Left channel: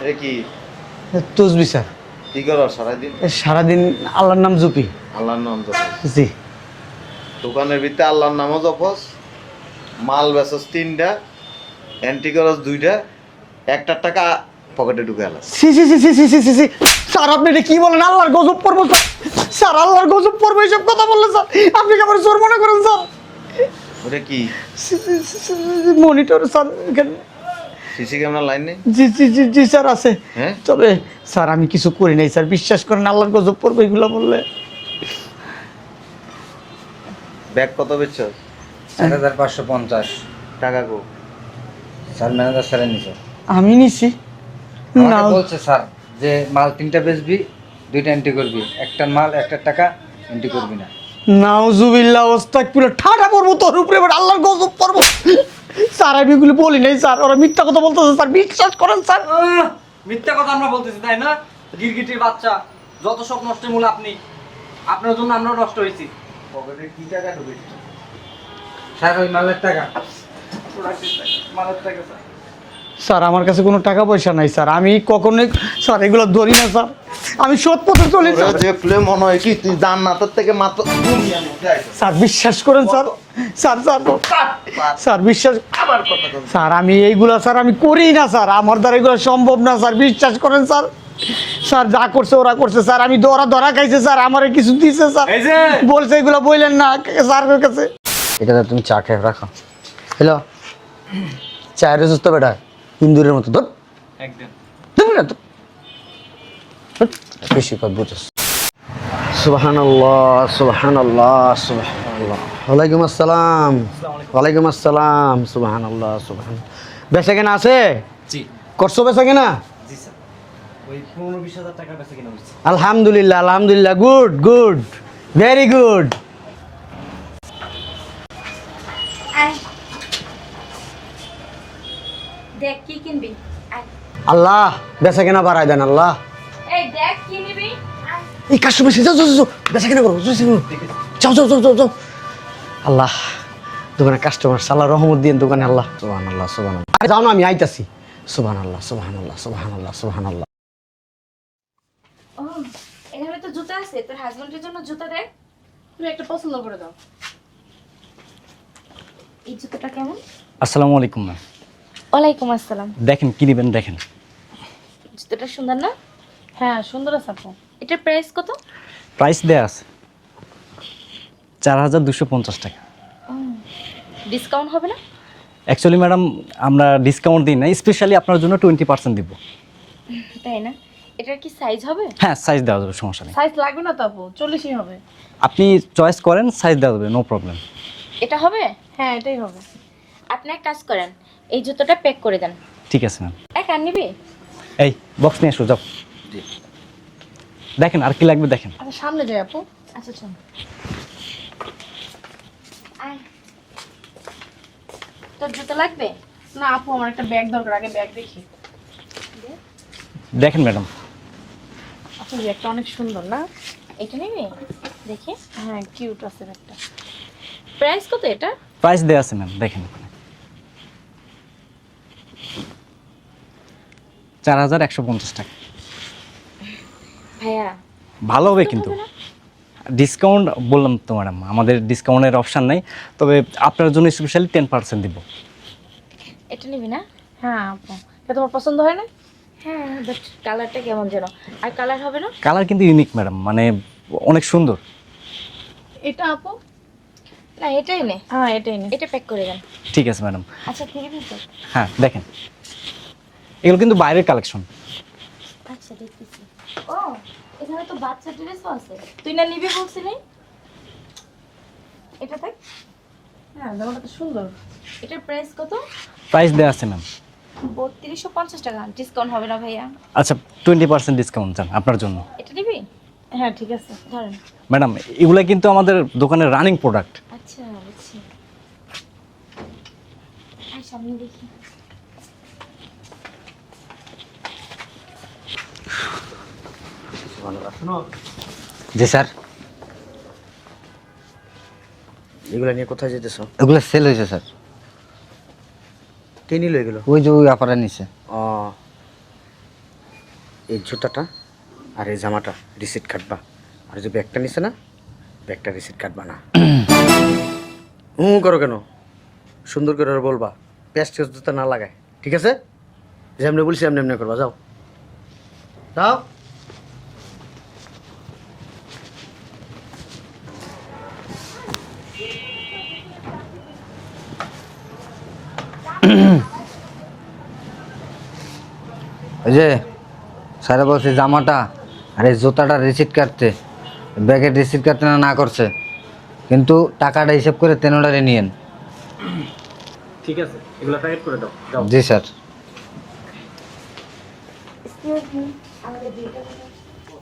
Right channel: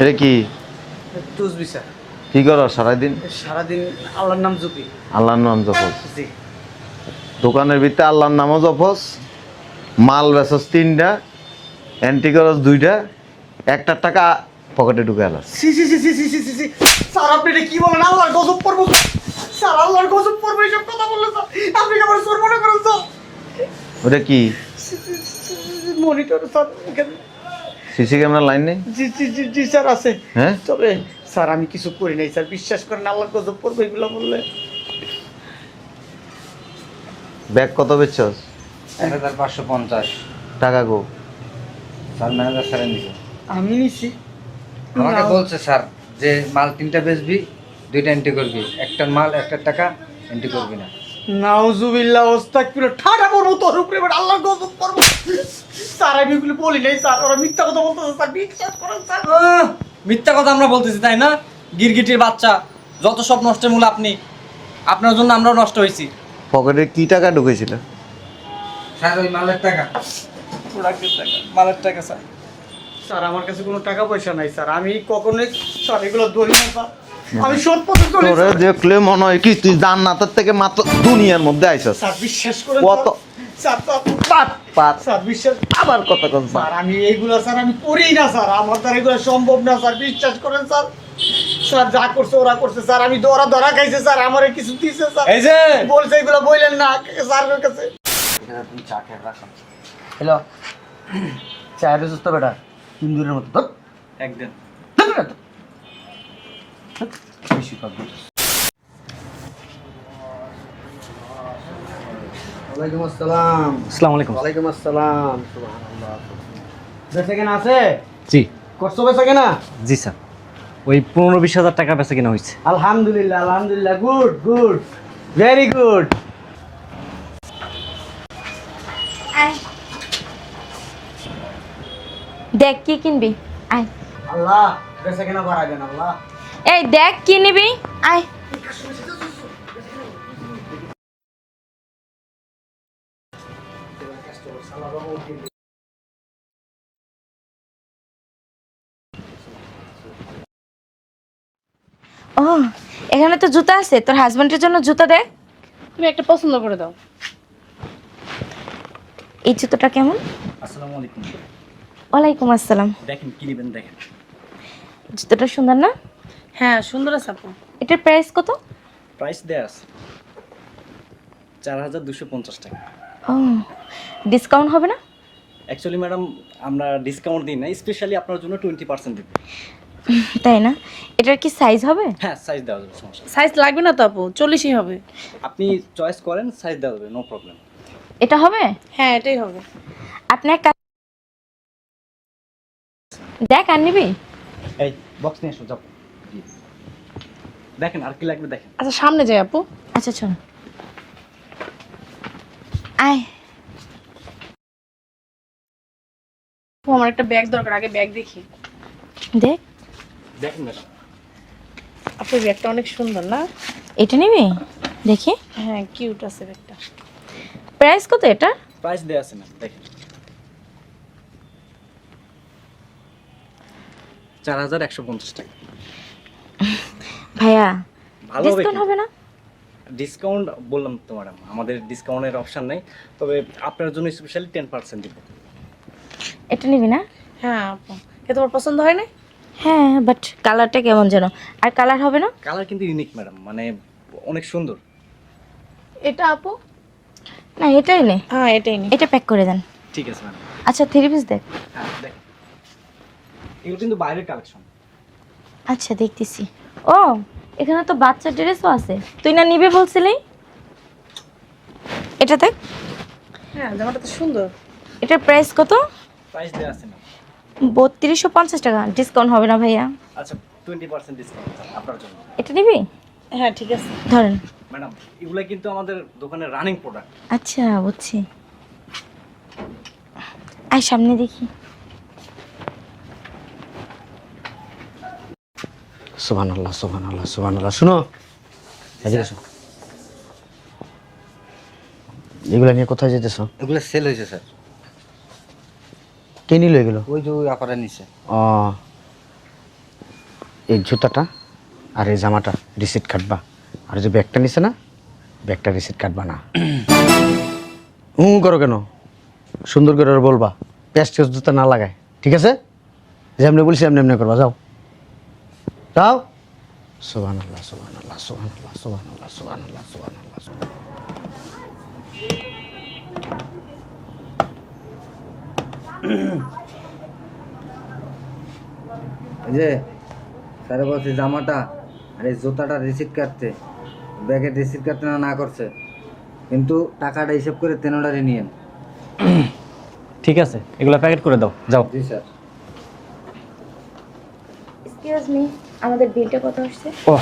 এটা কি তুসবি স্যার। কি করো সারাদিন? সারাদিন আল্লাহর নাম জপি। আল্লাহর নাম জপস? জি। দোকানের ভিতরে আল্লাহর নামও জপস, মাল বেচস 3টা, অ্যান্টি করস 2টা, 1 টাকা পকেটে ঢুকে আনাস। সি সি সি সি সি সি সি সি স্যার, আপনি এটা কি বলেন? আল্লাহর গজব পড়বো স্যার। স্যার আল্লাহর গজব পড়বো এইসব কথা বললেন স্যার? আপনি কি আমার চোর মনে করেন স্যার? ওটা কি মনিটর স্যার এখানে। সিসি ক্যামেরা লাইন নেই? জি জি জি জি স্যার আছে। হ্যাঁ তবে স্যার আমি কিছু করি নাই স্যার, বিশ্বাস করেন। আল্লাহর গজব পড়বো এগুলো বললে। ব্যাগ কত বেচছস? 4550 টাকা গো? স্যার ম্যানেজার স্যারের নিচে আমি নিছি আমাকে না। বলছে স্যার যে মাল 3টা বেচবি, 2টা এন্ট্রি করবি, একটার মাল 1 টাকা এন্ট্রি করবি না। নাউজুবিল্লাহ আস্তাগফিরুল্লাহ, ঠাড়া পড়বো তোর উপরে, এবার আল্লাহর গজব পড়বো। স্যার আমি এগুলো বলি নাই স্যার, ওরা মিথ্যা কথা বলতেছে স্যার, বিশ্বাস করেন স্যার। মিথ্যা কথা আমরা বলতেছি তাই না? গিরগিটির বাচ্চা, যত সব নষ্টের মূল আপনি। আপনার জন্য আমরাও নষ্ট হয়েছি। পকেটে কি টাকা ঢুকেছিল? স্যার ওই মালের টাকা। প্রোডাক্টের টাকা, মালের টাকা স্যার। স্যার আমার কাছে কোনো টাকা পয়সা নাই স্যার, আমি কখনোই স্যার এগুলো ধরি না স্যার, আমি সৎ পথে চলি তোরে স্যার। দেখলে মনে হয় কি তুই জান্নাতের থেকে মাত্র দুনিয়ার মধ্যে আইছস। স্যার বিশ্বাস করেন স্যার, কত? স্যার স্যার স্যার, স্যার বিশ্বাস আবার কথা কন। স্যার, আমি এইগুলো স্যার আমি করি না স্যার, আমার দ্বারা এগুলো সম্ভব না স্যার, বিশ্বাস করেন স্যার। স্যার যা করছে ওরা করছে স্যার, আমি ধরা খাইছে স্যার, আমারে কিছু দিছে স্যার, এই যে বলছে এগুলো বললেন না স্যারের কাছে। এটা তুমি চা খেয়ে রাখো। হ্যালো, চায়ের সুস্থ বেটা ইন্দুরের মতো ধর একদম বেশি কথা বুঝছিস। সুবহানাল্লাহ সুবহানাল্লাহ সুবহানাল্লাহ। ওয়ালাইকুম আসসালাম। আসসালামু আলাইকুম। ওয়ালাইকুম আসসালাম। সুবহানাল্লাহ সুবহানাল্লাহ। বেচা কেনা আছে? জি করছো বেচা কেনা? জি স্যার, ওই 15-20 হাজার টাকা বেচা কিনা হয়েছে। আলহামদুলিল্লাহ আলহামদুলিল্লাহ, গুড গুড, ভেরি গুড। দেখ কি কিনবি, আয়। আল্লাহ বেচা কেনা বাড়াই দেন আল্লাহ। এই দেখ কি নিবি, আয়। এই কাস্টমার এসে যাও যাও যাও, বেচা কেনা করো, যাও যাও যাও যাও যাও। আল্লাহ দোকানে কাস্টমার, সাল্লাহ রহমত দিয়ে দোকানে আল্লাহ। সুবহানাল্লাহ সুবহানাল্লাহ। আরে যাও না, আমি আইতাছি। সুবহানাল্লাহ সুবহানাল্লাহ সুবহানাল্লাহ সুবহানাল্লাহ। ও এখানে তো জুতা আছে, তোর হাজবেন্ডের জন্য জুতা দেখ। তুমি একটা পছন্দ করে দাও। এই জুতোটা কেমন? আসসালামু আলাইকুম। ওয়ালাইকুম আসসালাম। দেখেন কি নেবেন দেখেন। জুতোটা সুন্দর না? হ্যাঁ সুন্দর আছে আপু। এটার প্রাইস কত? প্রাইস দেয়া আছে 4250 টাকা। ও ডিসকাউন্ট হবে না? অ্যাকচুয়ালি ম্যাডাম আমরা ডিসকাউন্ট দিই না, স্পেশালি আপনার জন্য 20% দিব। তাই না? এটার কি সাইজ হবে? হ্যাঁ সাইজ দেওয়া যাবে, সমস্যা নেই। সাইজ লাগবে না তো আপু, 40ই হবে। আপনি চয়েস করেন, সাইজ দেওয়া যাবে, নো প্রবলেম। এটা হবে? হ্যাঁ এটাই হবে। আপনি এক কাজ করেন, এই জুতোটা প্যাক করে দেন। ঠিক আছে ম্যাম। দেখ আর নিবি? এই বক্স নিয়ে এসো, যাও। দেখেন আর কি লাগবে দেখেন। আচ্ছা সামনে যাই আপু। আচ্ছা চল, আয়। তোর জুতো লাগবে? না আপু আমার একটা ব্যাগ দরকার, আগে ব্যাগ দেখি। দেখ। দেখেন ম্যাডাম। আপু ব্যাগটা অনেক সুন্দর না? এটা নিবি? দেখি। হ্যাঁ কিউট আছে ব্যাগটা। প্রাইস কত এটা? প্রাইস দেওয়া আছে ম্যাম, দেখেন 4150 টাকা। ভাইয়া ভালো হবে discount কিন্তু। হবে না? ডিসকাউন্ট বললাম তো ম্যাডাম, আমাদের ডিসকাউন্টের অপশন নাই, তবে আপনার জন্য স্পেশালি 10% দিব। এটা নিবি না? হ্যাঁ আপু, এটা তোমার পছন্দ হয় না? হ্যাঁ বাট কালারটা কেমন যেন, আর কালার হবে না? কালার কিন্তু ইউনিক ম্যাডাম, মানে অনেক সুন্দর। এটা আপু? না এটাই নে, হ্যাঁ এটাই নি। এটা প্যাক করে দেন। ঠিক আছে ম্যাডাম। আচ্ছা 3 পিস দেখ। হ্যাঁ দেখেন, এগুলো কিন্তু বাইরের কালেকশন। আচ্ছা দেখতেছি। ও এখানে তো বাচ্চার ড্রেসও আছে, তুই না নিবি বলছিলি? এটা দেখ। হ্যাঁ জামাটা তো সুন্দর। এটার প্রাইস কত? প্রাইস দেওয়া আছে ম্যাম। 3250 টাকা। ডিসকাউন্ট হবে না ভাইয়া? আচ্ছা 20% ডিসকাউন্ট চান আপনার জন্য। এটা নিবি? হ্যাঁ ঠিক আছে। ধরেন। ম্যাডাম এগুলো কিন্তু আমাদের দোকানের রানিং প্রোডাক্ট। আচ্ছা বুঝছি, আয় সামনে দেখি। সুবহানাল্লাহ সুবহানাল্লাহ সুবহানাল্লাহ। শুনো, জি স্যার। এগুলা নিয়ে কোথায় যেতেছো? এগুলো সেল হয়েছে স্যার। কে নিল এগুলো? ওই যে ওই আপারা নিছে। ও এই জুতাটা আর এই জামাটা রিসিট কাটবা, আর যে ব্যাগটা নিছে না, ব্যাগটা রিসিট কাটবা না। করো কেন? সুন্দর করে ওর বলবা প্যাস্ট জুতা না লাগায়, ঠিক আছে? যেমনি বলছি এমনি এমনি করবা, যাও যাও। সুবহানাল্লাহ সুবহানাল্লাহ সুবহানাল্লাহ সুবহানাল্লাহ সুবহানাল্লাহ সুবহানাল্লাহ। ওই যে স্যারে বলছে জামাটা আর এই জুতাটা রিসিট কাটতে, ব্যাগের রিসিট কাটতে না করছে, কিন্তু টাকাটা হিসাব করে 13টারে নিয়েন। ঠিক আছে, এগুলো প্যাকেট করে দাও, যাও। জি স্যার। এক্সকিউজ মি, আমাদের বিলটা কত আসছে? ও,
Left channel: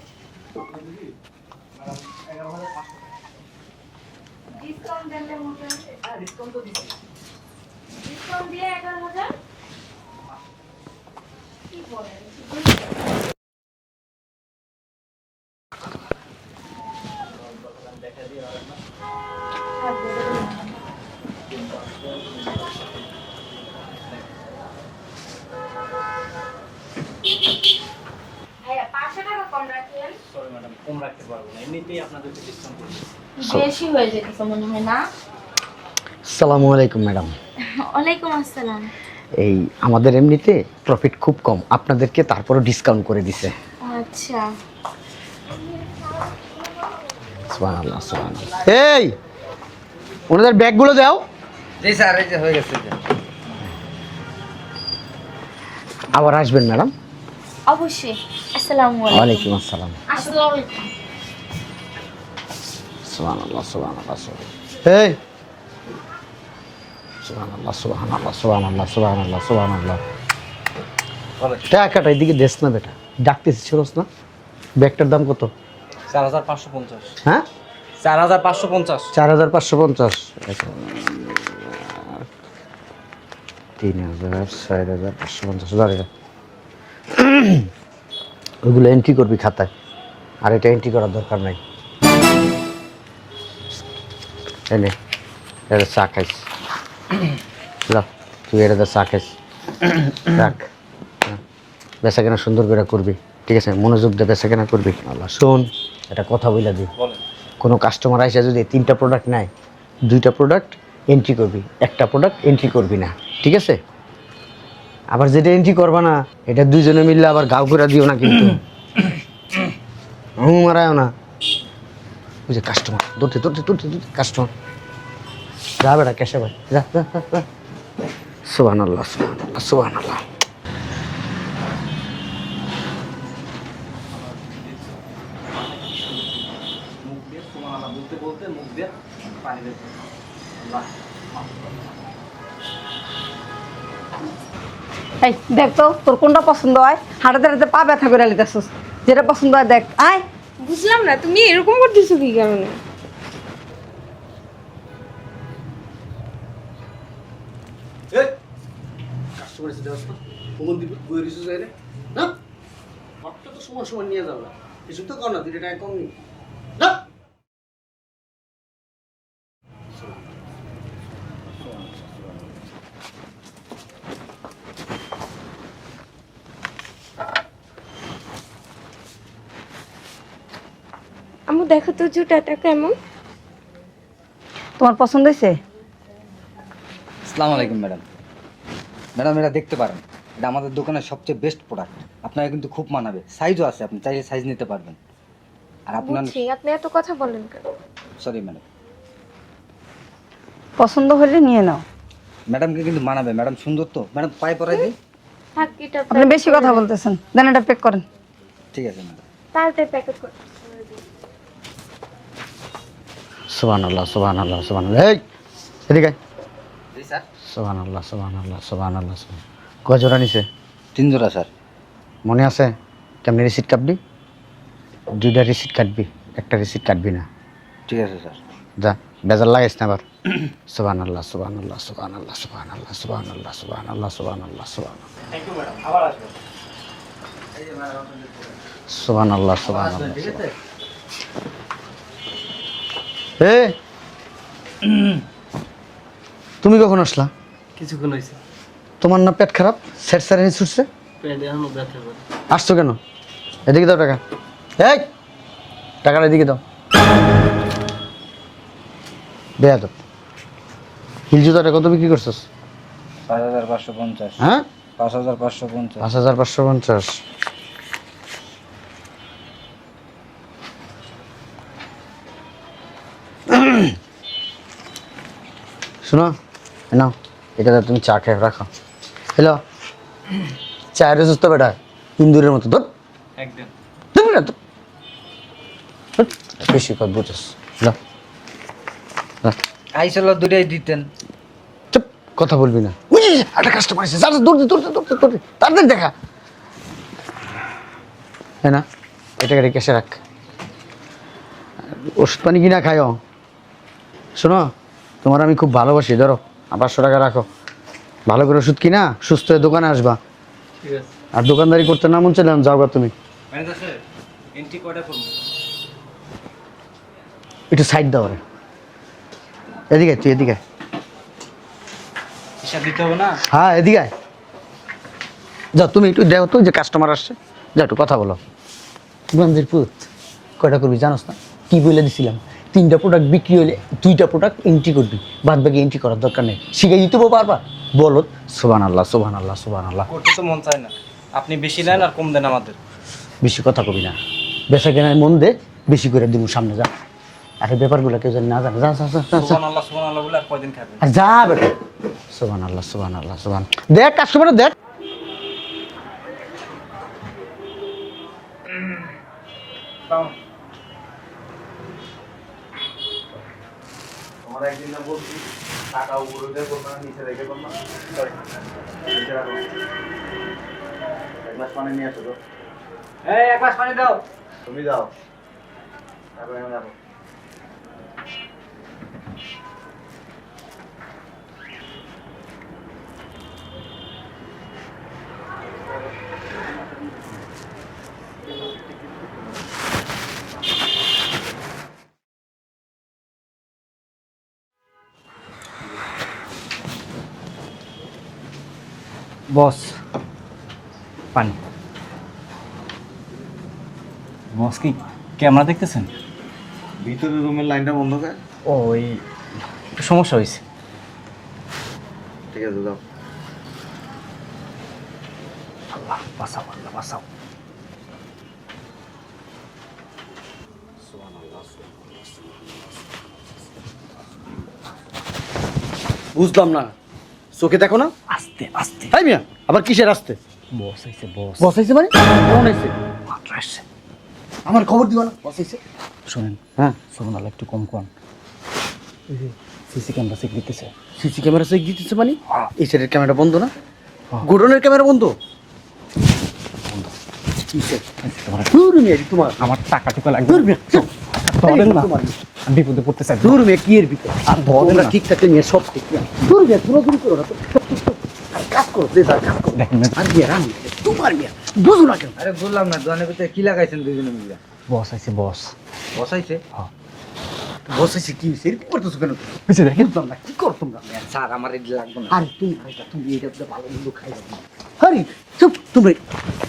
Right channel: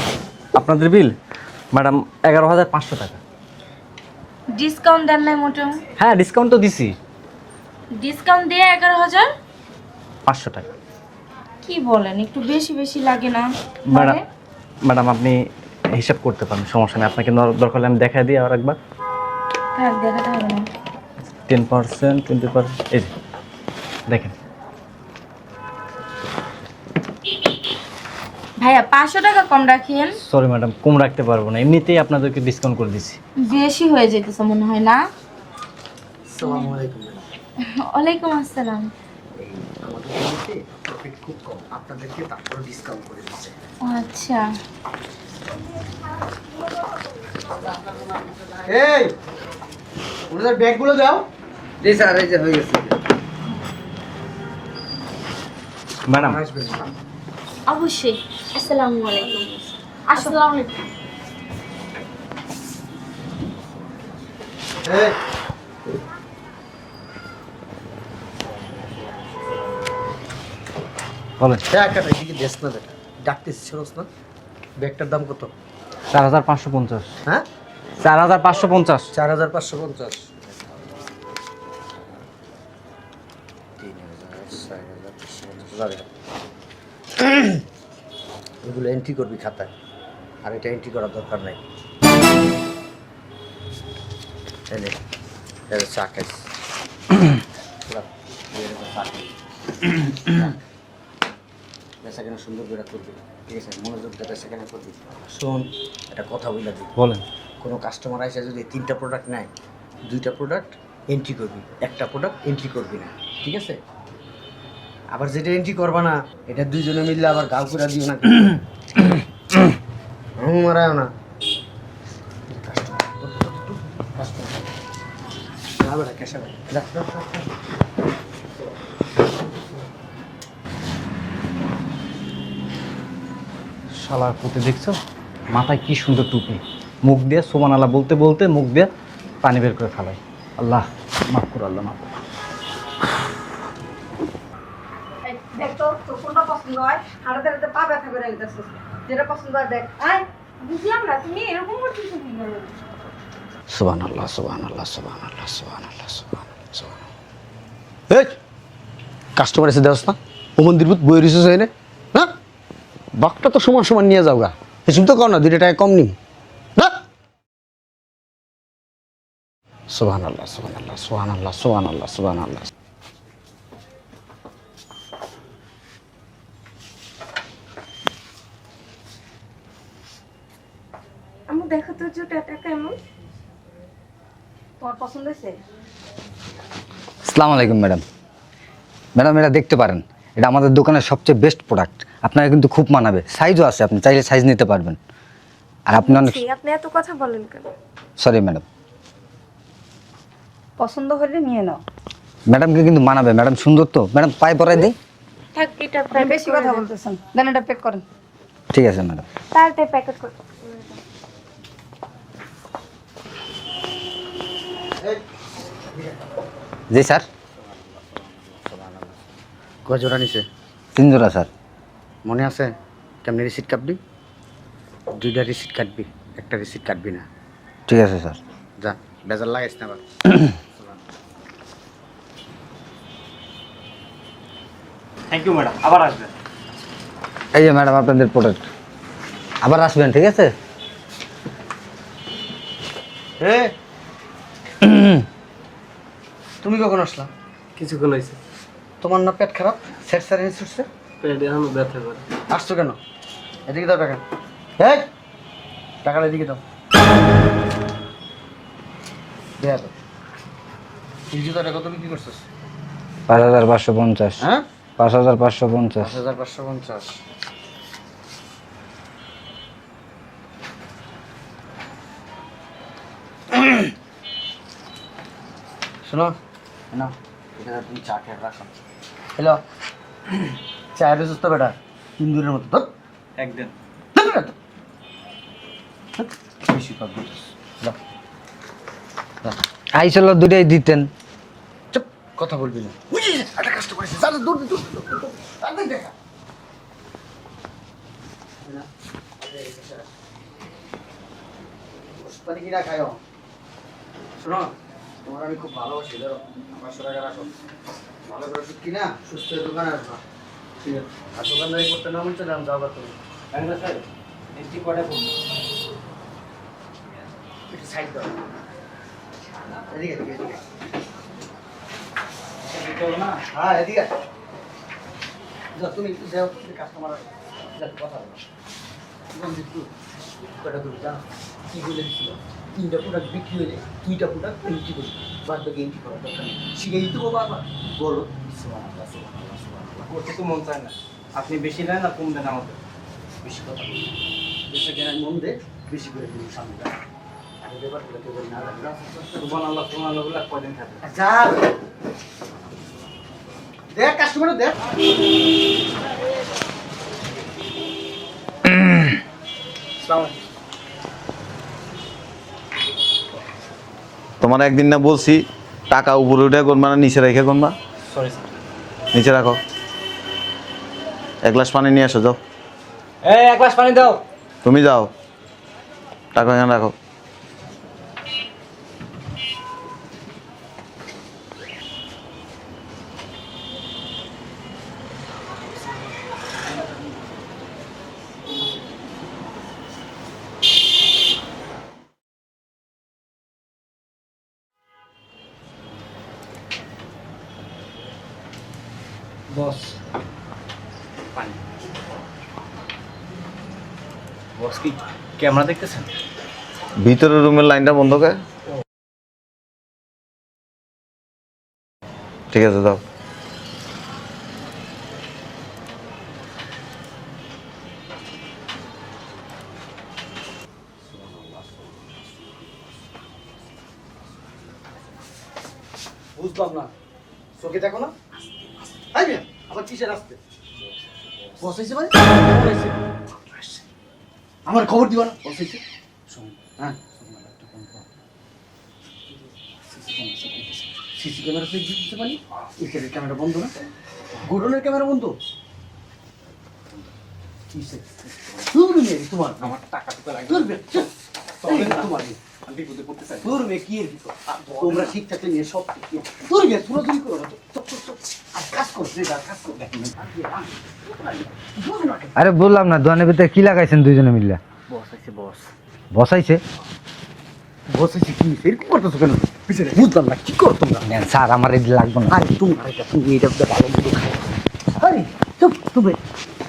আপনাদের বিল ম্যাডাম 11,500 টাকা। ডিসকাউন্ট দেন নাই মোটেও? হ্যাঁ, ডিসকাউন্ট তো দিছি, ডিসকাউন্ট দিয়ে 11,000? 500 টাকা। কি বলেন, একটু বেশি বেশি লাগে না? ম্যাডাম ম্যাডাম আপনি হিসাব করতে পারেন, সমস্যা নেই। আপনাকে দরকার হলে আমি দেখাই দিই আর একবার। হ্যাঁ, দেখাতে হবে না। 10%, 20%, এই যে দেখেন। ভাইয়া 500 টাকা কম রাখিয়েন। সরি ম্যাডাম, কম রাখতে পারবো না, এমনিতেই আপনাদেরকে ডিসকাউন্ট করে দিচ্ছি। বেশি হয়ে যেতেছে মনে হয় না? আসসালামু আলাইকুম ম্যাডাম। ওয়ালাইকুম আসসালাম। এই আমাদের এমনিতে প্রফিট খুব কম, আপনাদেরকে তারপরও ডিসকাউন্ট করে দিছে। আচ্ছা, সুবহানাল্লাহ সুবহানাল্লাহ। এই ওনাদের ব্যাগগুলো দাও। জি স্যার, এই যে হয়ে গেছে। আবার আসবেন ম্যাডাম। অবশ্যই। আসসালামু আলাইকুম। ওয়ালাইকুম আসসালাম। আসসালামু আলাইকুম। সুবহানাল্লাহ সুবহানাল্লাহ সুবহানাল্লাহ। এই সুবহানাল্লাহ সুবহানাল্লাহ সুবহানাল্লাহ সুবহানাল্লাহ সুবহানাল্লাহ। অনেক টাকাটা এদিকে দেশ না বেটা, ডাকতেছিস ছিলস না? ব্যাগটার দাম কত? 4,550। হ্যাঁ, 4,550। 4,550। 3,000, 4,000, 550,000। ওইগুলো এন্ট্রি করবি খাতায়, আর এটা এন্ট্রি করার দরকার নাই। এনে এটা চা খাইস, যা তুই এটা চা খাইস, রাখ। বেচা কেনা সুন্দর করে করবি, ঠিক আছে? মনোযোগ দিয়ে বেচা কেনা করবি। আল্লাহ শোন, একটা কথা বইলা দিই, বলেন। কোনো কাস্টমার আসে যদি 3টা প্রোডাক্ট নেয়, 2টা প্রোডাক্ট এন্ট্রি করবি, একটা প্রোডাক্ট এন্ট্রি করবি না, ঠিক আছে? আবার যেটা এন্ট্রি করবা না, এটা দুইজনে মিললে আবার গাও করে দিও না কিন্তু। মারায়ও না। ওই যে কাস্টমার, দৌড়তে দৌড়তে দৌড়তে দৌড়তে কাস্টমার। যা বেটা ক্যাশে ভাই, যা যা যা যা। সুবহানাল্লাহ সুবহানাল্লাহ। শালার পুঁতে দেখছো, মাথায় কি সুন্দর টুপি, মুখ দিয়ে সুবহানাল্লাহ বলতে বলতে মুখ দিয়ে পানি বের করে ফেলায়। আল্লাহ মাফ করো, আল্লাহ মাফ করো। এই দেখ তো তোর কোনটা পছন্দ হয়, হাঁটাতে হাঁটাতে পা ব্যথা করে লিতেছিস, যেটা পছন্দ হয় দেখ। আয়, বুঝলাম না তুমি এরকম করতেছো কি কারণে? সুবহানাল্লাহ সুবহানাল্লাহ সুবহানাল্লাহ সুবহানাল্লাহ সুবহানাল্লাহ। এই কাস্টমার এসে দেওয়াস না, ও মন্দির বুত বই রিসোর্স হয় না, হ্যাঁ? বাকটা তো সমান সমান নিয়ে যাও গা, হিসুম তো কর না, 2 টাকা কম নিম না। সুবহানাল্লাহ সুবহানাল্লাহ সুবহানাল্লাহ সুবহানাল্লাহ সুবহানাল্লাহ। আম্মু দেখো তো জুতাটা কেমন? তোমার পছন্দ হয়েছে? আসসালামু আলাইকুম ম্যাডাম। ম্যাডাম এটা দেখতে পারেন, এটা আমাদের দোকানের সবচেয়ে বেস্ট প্রোডাক্ট, আপনারা কিন্তু খুব মানাবে। সাইজও আছে, আপনি চাইলে সাইজ নিতে পারবেন। আর আপনি অনেক বুঝছি, আপনি এত কথা বলেন কেন? Sorry madam. পছন্দ হলে নিয়ে নাও। ম্যাডামকে কিন্তু মানাবে, ম্যাডাম সুন্দর তো। ম্যাডাম পায়ে পরাই দিই। থাক, এটা আপনি বেশি কথা বলতেছেন, দেন এটা প্যাক করেন। ঠিক আছে ম্যাডাম। তাড়াতাড়ি প্যাকেট করে। সুবহানাল্লাহ সুবহানাল্লাহ সুবহানাল্লাহ। এই এদিকে জি স্যার। সুবহানাল্লাহ সুবহানাল্লাহ সুবহানাল্লাহ। কয় জোড়া নিছে? 3 জোড়া স্যার। মনে আছে কেমনি রিসিট কাটবি? 2টা রিসিট কাটবি, একটা রিসিট কাটবি না। ঠিক আছে স্যার। যা, বেজার লাগাইস না আবার। সুবহানাল্লাহ সুবহানাল্লাহ সুবহানাল্লাহ সুবহানাল্লাহ সুবহানাল্লাহ সুবহানাল্লাহ সুবহানাল্লাহ সুবহানাল্লাহ। থ্যাংক ইউ ম্যাডাম, আবার আসবেন। এই যে ম্যাডাম আপনাদের প্রোডাক্ট। সুবহানাল্লাহ। আবার আসবেন, ঠিক আছে? এ তুমি কখন আসলা? কিছুক্ষণ হয়েছে, তোমার না পেট খারাপ, স্যার স্যার ছুটছে, পেট এখনো ব্যথা করে। আসছো কেন? এদিকে দাও টাকা। হ্যাঁ, টাকাটা এদিকে দাও। দেয়া তো হিল জুতাটা কত বিক্রি করছিস? 5,550। হ্যাঁ, 5,550। 5,550। শোনো, নাও এটা দাও, তুমি চা খেয়ে রাখো। হ্যালো, চায়ের সুস্থ বেটা ইন্দুরের মতো ধর একদম। বেশি কথা বুঝছিস। না আইছিল দুটোই দিতেন। চুপ, কথা বলবি না। একটা কাস্টমার এসে যা দৌড় দে তাদের দেখা। হ্যাঁ না, এটাকে রেখে এসে রাখ। ওষুধ পানি কিনা খায়ও। শোনো, তোমার আমি খুব ভালোবাসি, ধরো 500 টাকা রাখো। ভালো করে ওষুধ কিনা সুস্থ হয়ে দোকানে আসবা। আর দোকানদারি করতে না মন চাইলাম যাও গা তুমি। একটু সাইড দাও রে। এদিকে তুই এদিকে। দিতে হবে না। হ্যাঁ এদিকে আয়। যাও তুমি একটু দেখো তো যে কাস্টমার আসছে, যা একটু কথা বলো। গঞ্জের পুত কয়টা করবি জানোস না? কি বলে দিছিলাম, 3টা প্রোডাক্ট বিক্রি হলে 2টা প্রোডাক্ট এন্ট্রি করবি, বাদ বাকি এন্ট্রি করার দরকার নেই। শিখাই দিতে বারবার বলো সুবহানাল্লাহ সুবহানাল্লাহ সুবহানাল্লাহ। করতে তো মন চায় না, আপনি বেশি দেন আর কম দেন আমাদের। বেশি কথা কবি না, বেচা কেনায় মন দে, বেশি করে দিব সামনে যা। আর এই ব্যাপারগুলো কেউ জানি না জানে, যা যা যা, যা, যা। সুবহানাল্লাহ বলে আর কয়দিন খাবেন? আর যা বেটা। সুবহানাল্লাহ সুবহানাল্লাহ সুবহান। দেখ কাস্টমার দেখ। তোমার একদিন না বলছি টাকা উপরে উঠে করবা না নিচে রেখে করবা? সরি নিচে রাখো। 1 গ্লাস পানি নিয়ে আসো, যাও। এই 1 গ্লাস পানি দাও। তুমি যাও, টাকা এখানে রাখো। বস পানি। বস কি ক্যামেরা দেখতেছেন? ভিতরের রুমের লাইনটা বন্ধ করে। ও ওই একটু সমস্যা হয়েছে। ঠিক আছে, যাও। বাঁচাও বাঁচাও। বুঝলাম না, চোখে দেখো না? আস্তে আস্তে। হ্যাঁ মিয়া, আবার কিসের আসতে? বস আইছে বস। বসাইছে মানে? মাত্র আসছে। আমার খবর দিবা না? বসাইছে। শোনেন, হ্যাঁ, সুবহানাল্লাহ একটু কম কম। সিসি ক্যামেরা চেক দিতেছে। সিসি ক্যামেরা চেক দিতেছে মানে? এই সাইডের ক্যামেরা বন্ধ না? গোডনের ক্যামেরা বন্ধ? দূর মিয়া, তোমার আমার টাকা টুকা লাগবে। দূর মিয়া, ধরেন না, আমি বিপদে পড়তে চাই। দূর মিয়া, কি এর ভিতর? আর তোমরা ঠিক থাকলে মিয়া সব ঠিক না। দূর মিয়া, তোমরা দূর করো না তো। আর কাজ করো, দে দাও, কাজ করো। দেখেন আর মিয়া, রামি, তোমার মিয়া, বুঝো না কেন? আরে বললাম না, দোকানের ভিতরে কি লাগাইছেন দুইজনে মিলে? বস আইছে বস। বসাইছে? বসেছি কি হয়েছে? এরকম করতেছো কেন? বুঝলাম না, কি করো তোমরা? নেন স্যার, আমার এই লাগবে না। আরে তুমি এটা ভালো মতো খাই। আরে চুপ, তুমি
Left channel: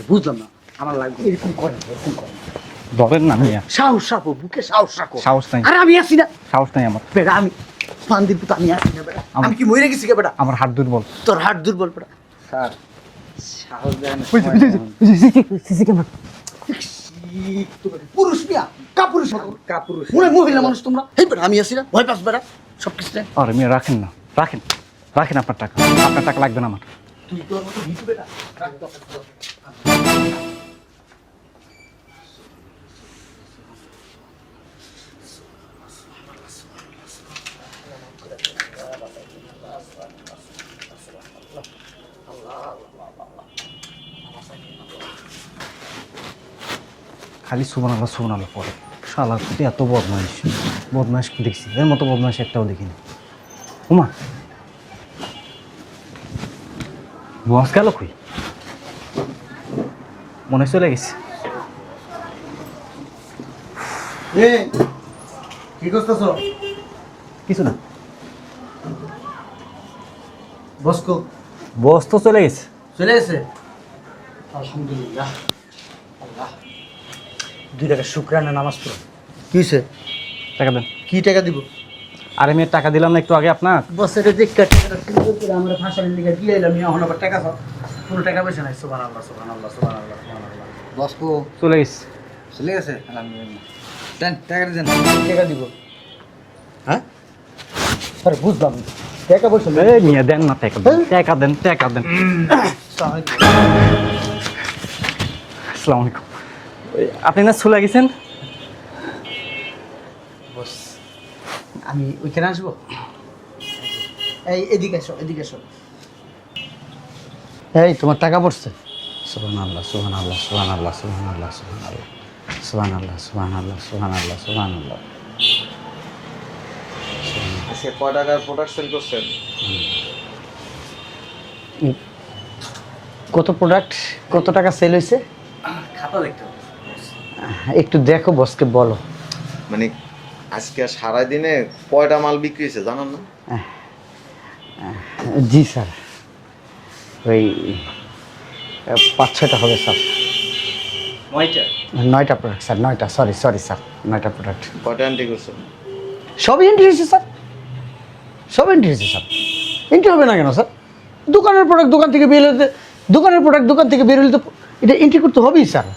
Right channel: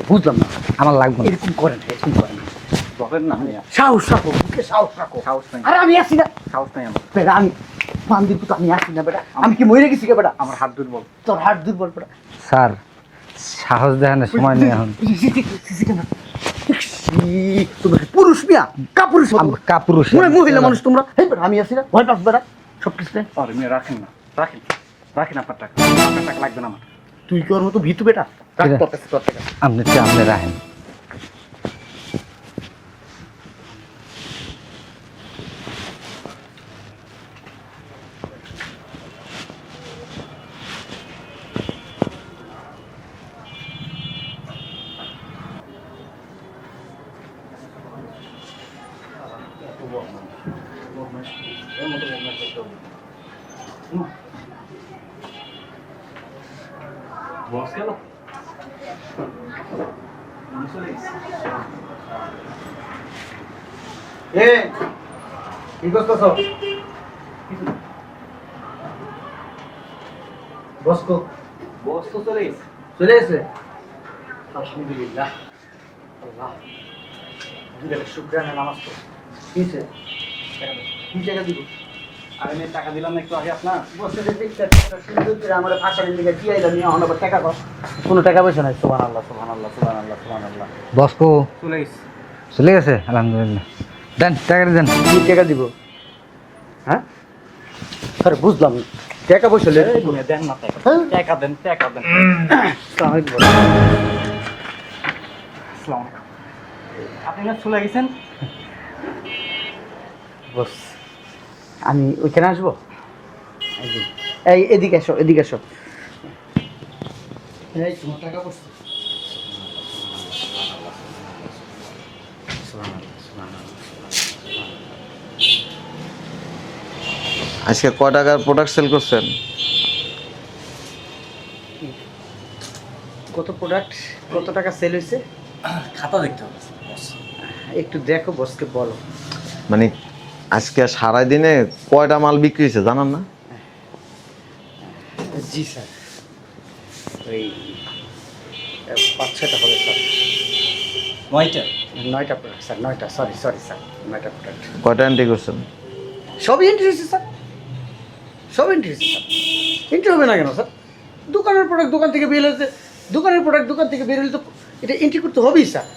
বুঝলাম না, আমার লাগবে না। এরকম করেন না, এরকম করেন না। ধরেন না মিয়া। সাহস রাখো, বুকে সাহস রাখো। সাহস নাই। আরে আমি আসি না সাহস নাই আমার। বেটা, আমি পান্দির পুতো আমি আসি না বেটা। আমি কি মরে গেছি কে বেটা? আমার হাত দুর্বল। তোর হাট দুর্বল বেটা। স্যার সাহস দেখানোর সময় নেই এখন। সিসি ক্যামেরা তোমরা পুরুষ মিয়া, কাপুরুষ কাপুরুষ। মহিলা মানুষ তোমরা। এই বেটা আমি আসি না, ভয় পাস বেটা সব কিছু। আরে মিয়া রাখেন না, রাখেন রাখেন আপনার টাকা। আপনার টাকা লাগবে না আমার। তুই কি ওর মতো ভিতু বেটা? রাখ তোর কাছে তোর টাকা। আপনি চাপে রাখেন। খালি সুবহানাল্লাহ পড়ে। শালা তুই এত বদমাইশ দেখছি, এর মতো বদমাইশ একটাও দেখিনি। ওমা, বস গেল কই? মনে হয় চলে গেছে। কি করতেছো? কিছু না, বসকো বস তো চলে গেছে। চলে এসে? আলহামদুলিল্লাহ। আল্লাহ 2 টাকা শুকরানা নামাজ পড়ো। কিসে টাকা দেন। কি টাকা দিব? আরে মেয়ে টাকা দিলাম না একটু আগে আপনার। বছরে যে আমার ভাষার দিকে দিয়ে এলাম এখন আবার টাকা পাও। কোনো টাকা পয়সা নাই। সুবহানাল্লাহ সুবহানাল্লাহ সুবহানাল্লাহ সুবহানাল্লাহ। বসকো চলে গেছে। চলে গেছে আলহামদুলিল্লাহ। দেন টাকাটা দেন। কি টাকা দিব? হ্যাঁ আরে বুঝলাম না। টাকা পয়সা নেই। এই মেয়ে দেন না টাকা দেন, টাকা দেন, টাকা দেন। আসসালামু আলাইকুম। আপনি না চলে গেছেন? বস আমি ওইখানে আসবো? এই এদিকে এসো, এদিকে এসো। এই তোমার টাকা পড়ছে? সুবহানাল্লাহ সুবহানাল্লাহ সুবহানাল্লাহ সুবহানাল্লাহ সুবহানাল্লাহ সুবহানাল্লাহ সুবহানাল্লাহ সুবহানাল্লাহ সুবহানাল্লাহ। আজকে কয় টাকার প্রোডাক্ট সেল করছেন? কত প্রোডাক্ট, কত টাকা সেল হয়েছে? খাতা দেখতে হবে। একটু দেখো, বসকে বলো। মানে আজকে সারাদিনে কয়টা মাল বিক্রি হয়েছে জানান না? জি স্যার, ওই 5-6টা হবে স্যার। 9টা? 9টা প্রোডাক্ট স্যার, 9টা। সরি সরি স্যার, 9টা প্রোডাক্ট। কয়টা এন্ট্রি করছেন? সব এন্ট্রি হয়েছে স্যার, সব এন্ট্রি হয়েছে স্যার। এন্ট্রি হবে না কেন স্যার? দোকানের প্রোডাক্ট দোকান থেকে বের হতে, দোকানের প্রোডাক্ট দোকান থেকে বের হলে তো এটা এন্ট্রি করতে হবেই স্যার।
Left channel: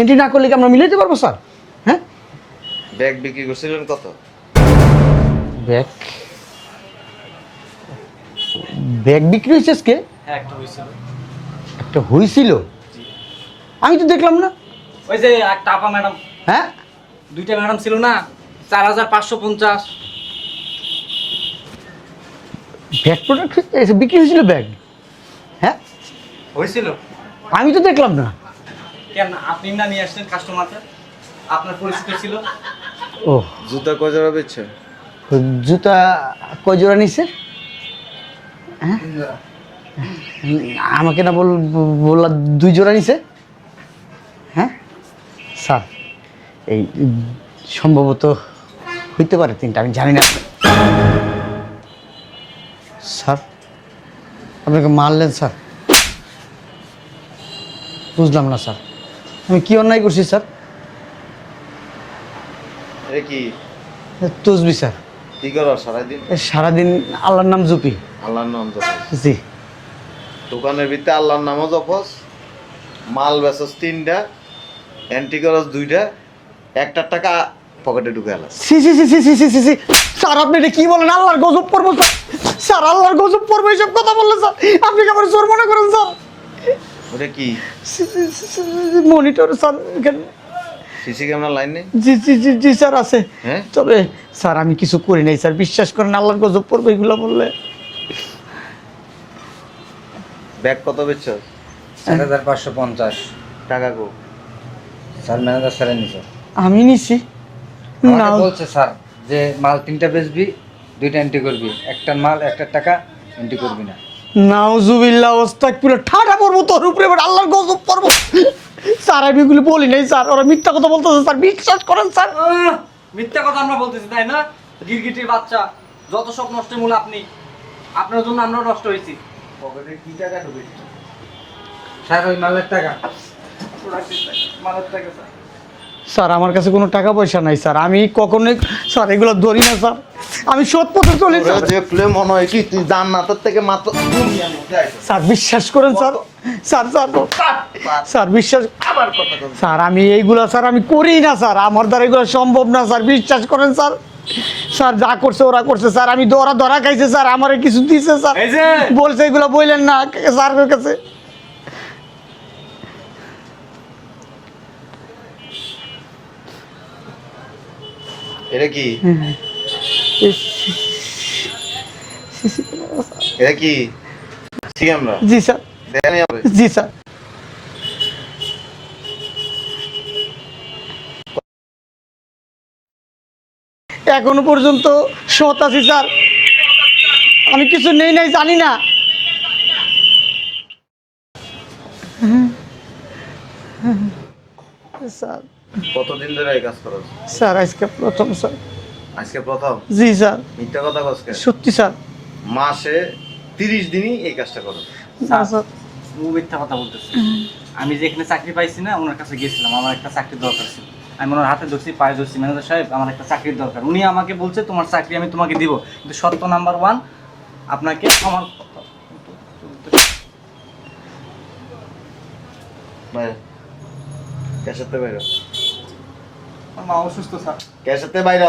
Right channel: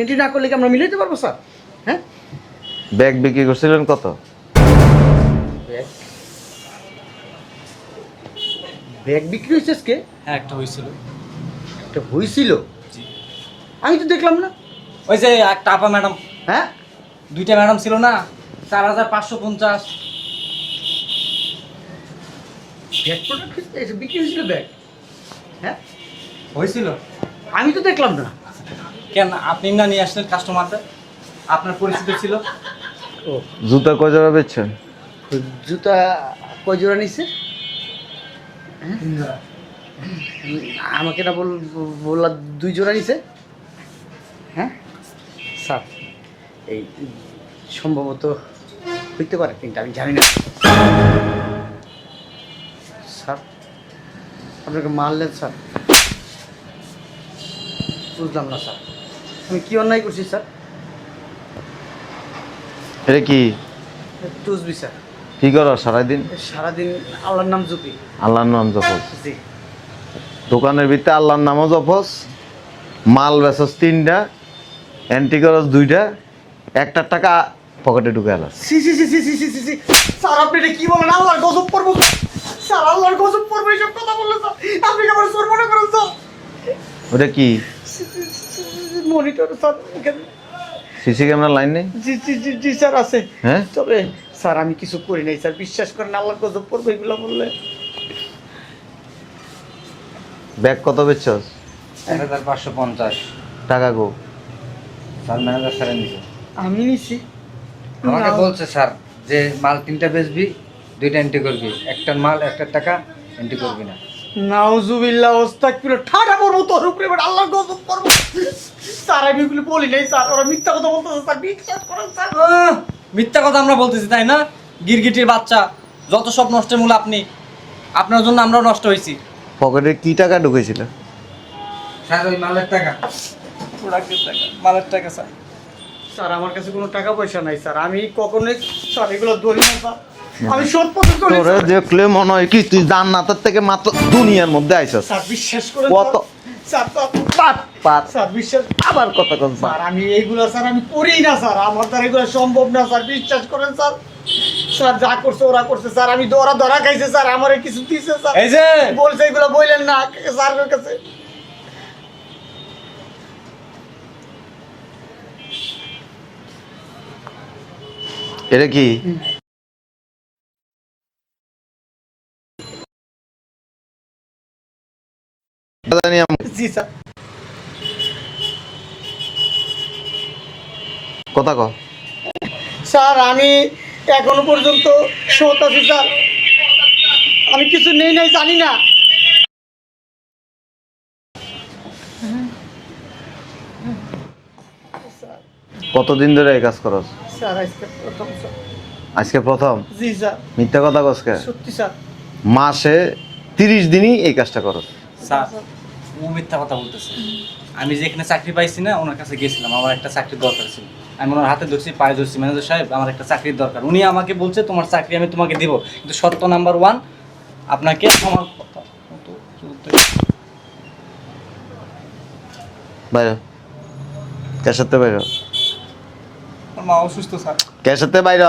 এন্ট্রি না করলে কি আমরা মিলাইতে পারবো স্যার? হ্যাঁ, ব্যাগ বিক্রি করছিলেন কত? ব্যাগ, ব্যাগ বিক্রি হয়েছে আজকে? হ্যাঁ একটা হয়েছিল। একটা হয়েছিল? আমি তো দেখলাম না। ওই যে একটা আপা ম্যাডাম, হ্যাঁ, 2টা ম্যাডাম ছিল না, 4550। ব্যাগ প্রোডাক্ট বিক্রি হয়েছিল ব্যাগ? হ্যাঁ হয়েছিল? আমি তো দেখলাম না। কেন আপনি না নিয়ে আসলেন কাস্টমারটা? আপনার পরিচিত ছিল। ও, জুতা কয় জোড়া বেচছেন? জুতা কয় জোড়া নিছে? হ্যাঁ, আমাকে না বললা 2 জোড়া নিছে। হ্যাঁ স্যার, এই সম্ভবত হইতে পারে 3টা, আমি জানি না স্যার। আপনাকে মারলেন স্যার? বুঝলাম না স্যার, আমি কি অন্যায় করছি স্যার? এটা কি তসবি স্যার। কি করো সারাদিন? সারাদিন আল্লাহর নাম জপি। আল্লাহর নাম জপস? জি। দোকানের ভিতরে আল্লাহর নামও জপস, মাল বেচস 3টা, এন্ট্রি করস 2টা, 1টার টাকা পকেটে ঢুকে আনাস। সি সি সি সি সি সি সি সি স্যার, আপনি এটা কি বলেন? আল্লাহর গজব পড়বো স্যার। স্যার আল্লাহর গজব পড়বো এইসব কথা বললেন স্যার? আপনি কি আমার জোর মনে করেন স্যার? ওটা কি মনিটর স্যার, এখানে। সিসি ক্যামেরা লাইন নেই? জি জি জি জি স্যার আছে। হ্যাঁ? তবে স্যার আমি কিছু করি নাই স্যার, বিশ্বাস করেন। আল্লাহর গজব পড়বো এগুলো বললে। ব্যাগ কত বেচছস? 4550 টাকা গো? স্যার ম্যানেজার স্যারের নিচে আমি নিছি আমাকে না। বলছে স্যার যে মাল 3টা বেচবি, 2টা এন্ট্রি করবি, একটার মাল একটার টাকা এন্ট্রি করবি না। নাউজুবিল্লাহ আস্তাগফিরুল্লাহ, ঠাড়া পড়বো তোর উপরে, এবার আল্লাহর গজব পড়বো। স্যার আমি এগুলো বলি নাই স্যার, ওরা মিথ্যা কথা বলতেছে স্যার, বিশ্বাস করেন স্যার। মিথ্যা কথা আমরা বলতেছি তাই না? গিরগিটির বাচ্চা, যত সব নষ্টের মূল আপনি। আপনার জন্য আমরাও নষ্ট হয়েছি। পকেটে কি টাকা ঢুকেছিল? স্যার ওই মালের টাকা। প্রোডাক্টের টাকা, মালের টাকা স্যার। স্যার আমার কাছে কোনো টাকা পয়সা নাই স্যার, আমি কখনোই স্যার এগুলো ধরি না স্যার, আমি সৎ পথে চলি তোরে স্যার। দেখলে মনে হয় কি তুই জান্নাতের থেকে মাত্র দুনিয়ার মধ্যে আইছস। স্যার বিশ্বাস করেন স্যার, কত? স্যার স্যার স্যার, স্যার বিশ্বাস আবার কত কত স্যার, আমি এইগুলো স্যার আমি করি না স্যার, আমার দ্বারা এগুলো সম্ভব না স্যার, বিশ্বাস করেন স্যার। স্যার যা করছে ওরা করছে স্যার, আমি ধরা খাইছে স্যার, আমারে কিছু দিছে স্যার, এই যে বলছে এগুলো বললেন না স্যারের কাছে। এটা কি? এটা কি সিসি ক্যামেরা? জি স্যার, জি স্যার। কথা কও। স্যার আমি এখনো পর্যন্ত সৎ আছি স্যার, আমি কিছু নেই নাই জানি না। স্যার, কতদিন ধরে এই কাজ করস? স্যার আজকে প্রথম স্যার। আজকে প্রথম? জি স্যার। মিথ্যা কথা কস কে? সত্যি স্যার। মাসে 30 দিনই এই কাজটা করস? না স্যার। ও মিথ্যা কথা বলতেছে। আমি যেখানে চাকরি পাইছি না ওনার কাছে গেছিলাম, আমার একটা চাকরির দরকার ছিল। আমি ওনার হাতে ধরছি, পায়ে ধরছি, ম্যানেজার সাহেব আমার একটা চাকরির দরকার। উনি আমাকে বলছে তোমার চাকরি আমি তোমাকে দিব, কিন্তু শর্ত নাম্বার 1 আপনাকে আমার বাইরে কার সাথে বাইরে আমার মা অসুস্থ স্যার। কার সাথে বাইরে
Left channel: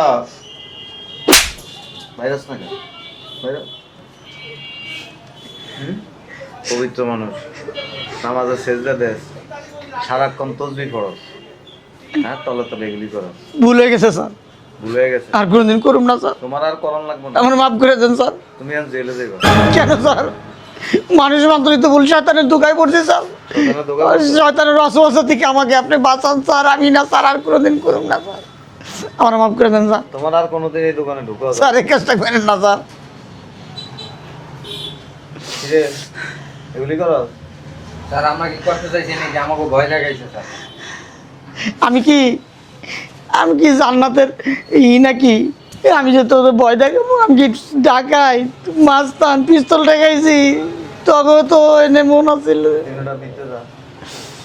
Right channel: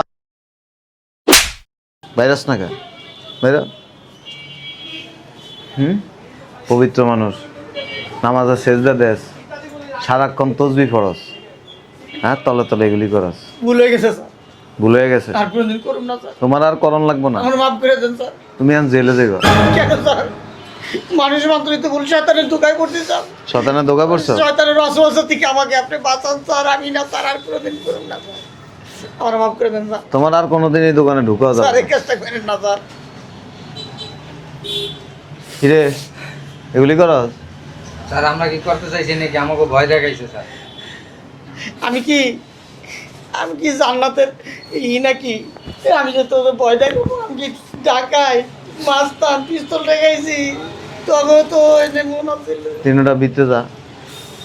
ভাইরাস না কে বাইরে পবিত্র মানুষ নামাজে সেজদা দেস সারাক্ষণ তসবিহ পড়স হ্যাঁ তলে তলে এগুলি করস ভুল হয়ে গেছে স্যার, ভুল হয়ে গেছে আর কোনোদিন করুম না স্যার। তোমার আর করণ লাগবো না আমার মাফ করে দেন স্যার। তুমি আর জেলে যাইবা কেন স্যার? মানুষ মাত্রই তো ভুল, শয়তানের ধোকায় পড়ছে স্যার। শয়তানের ধোকা পড়ছো শয়তানের ওয়াসওয়াসা থেকে আমাকে আপনি বাঁচান স্যার। আমি না স্যার আর কোনোদিন করুম না স্যার। আমার মাফ করে দেন স্যার। তোমার আর কোনোদিন এই দোকানে ঢুকা স্যার যাবে এই কাজটা করেন না স্যার। কিরে এগুলি করস স্যার আমরা কি করতে চাইছি নাকি আমাকে ভয় দেখাইছে স্যার? আমি কি জান্নাতের নাকি? আমি যে তোদের ভয় দেখাবো? আমি কি ঢাকায় মাস্তান পিস্তল দেখাইছি? তবে তো এনে মন আছিল। তিনটা বিতে যা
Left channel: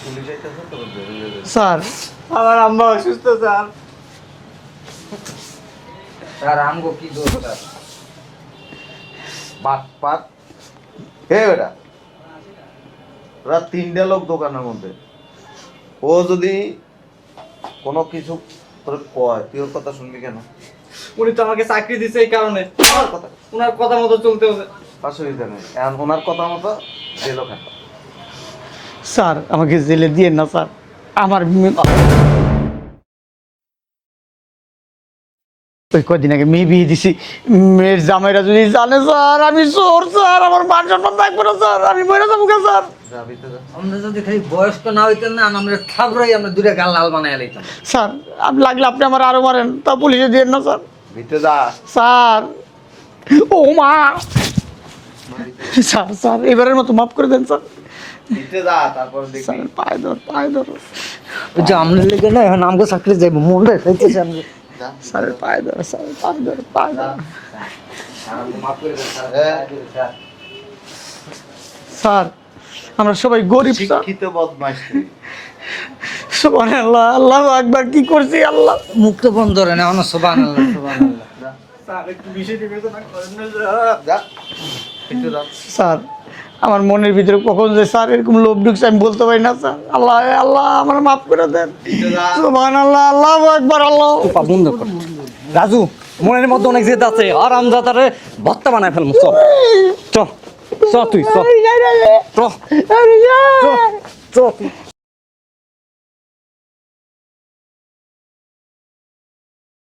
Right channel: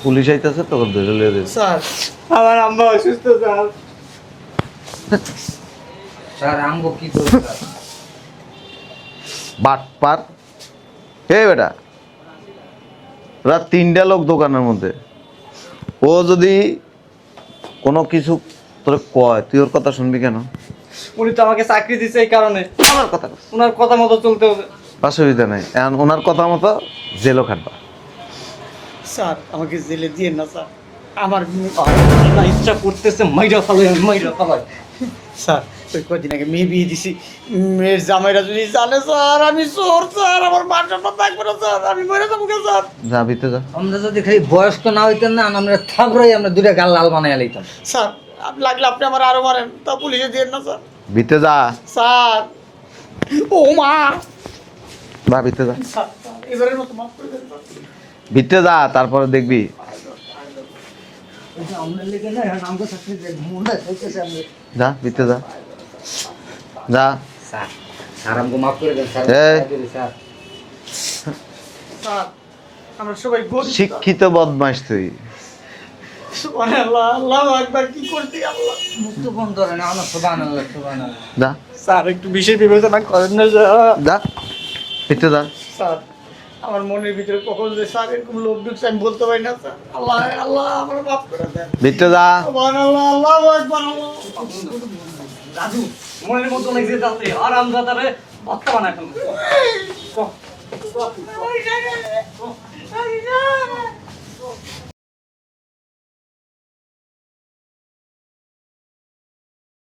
পুলিশ আইতাছে তোকে ধরে লিয়ে দিস স্যার আমার আম্মা অসুস্থ স্যার। স্যার আমগো কি দোষ স্যার? বাট পাট হে বেটা রাত 3টা লোক দোকানের মধ্যে ও যদি কোনো কিছু তোর কয় তুই ওর কথা শুনবি কেন? উনি তো আমাকে চাকরি দিচ্ছে এই কারণে, ওর কথা কস। ওনার কথা মতো চলতে হবে। অসুবিধা নেই এখন ওনার কথা মতো জেলও খাটবা স্যার আমাকে জেলে দিয়ে না স্যার। আমার ইচ্ছা করতেছে মাইরা ফালাই, মাইরা ফালাই। স্যার ওই কদিন আগে মেয়ে বিয়ে দিছি, মেয়ের জামাইরা যদি জানে স্যার আমি চোর স্যার, আমার মান সম্মান থাকবো না স্যার, আমি বইরা যাবো কে স্যার? যা বিতে যা আমরা যদি খালি বয়স্ক না হইতেন না আমরা থাপড়াই আমরা দুটো গাল লাল বানাই লইতাম। স্যার আপনি লাগলে আপনি আমার আরো মারেন, তা পুলিশে দিয়ে না স্যার। বিতে যা স্যার ও মা বা বিতে যা স্যার, স্যার এবারের মতো মাফ করে দেন স্যার। বিতে যা তারপরে দেখবি পায়ে ধর, পায়ে ধর ওই যে আমরা লেগে না এখন আমগো চাকরি যাইব মনটা চাইতেছে আমরা। যা বিতে যা পায়ে ধর স্যার, পায়ে ধর, পায়ে যা ধর। স্যার স্যার আমগো মাফ করে দেন স্যার। এই। স্যার স্যার আমরা সবাই গরিব স্যার। শিক্ষিত বদমাইশ তুই সুবহানাল্লাহ, আল্লাহু আকবার, কি করছি আল্লাহ। মুক্ত বন্ধ রে না আমরা সুবহানাল্লাহ সুবহানাল্লাহ। যা স্যার একটু বিশেষ বিবেচনা করেন না স্যার। যা বিতে যা স্যার আমার মনের ভিতরে কখন যে স্যার এরকম লোভ ঢুকছে আমি বলতে পারি না স্যার। আল্লাহ আল্লাহ আমার মাফ করে দেন। বিতে যা সুবহানাল্লাহ, আল্লাহু আকবার, আল্লাহ। পা বন্ধ কর। রাজু মনের মধ্যে অনেক জেদ আছে, আর আমজাদারে ভত্তা বানায় ফেলবো। চল চল চল তুই চল চল চল।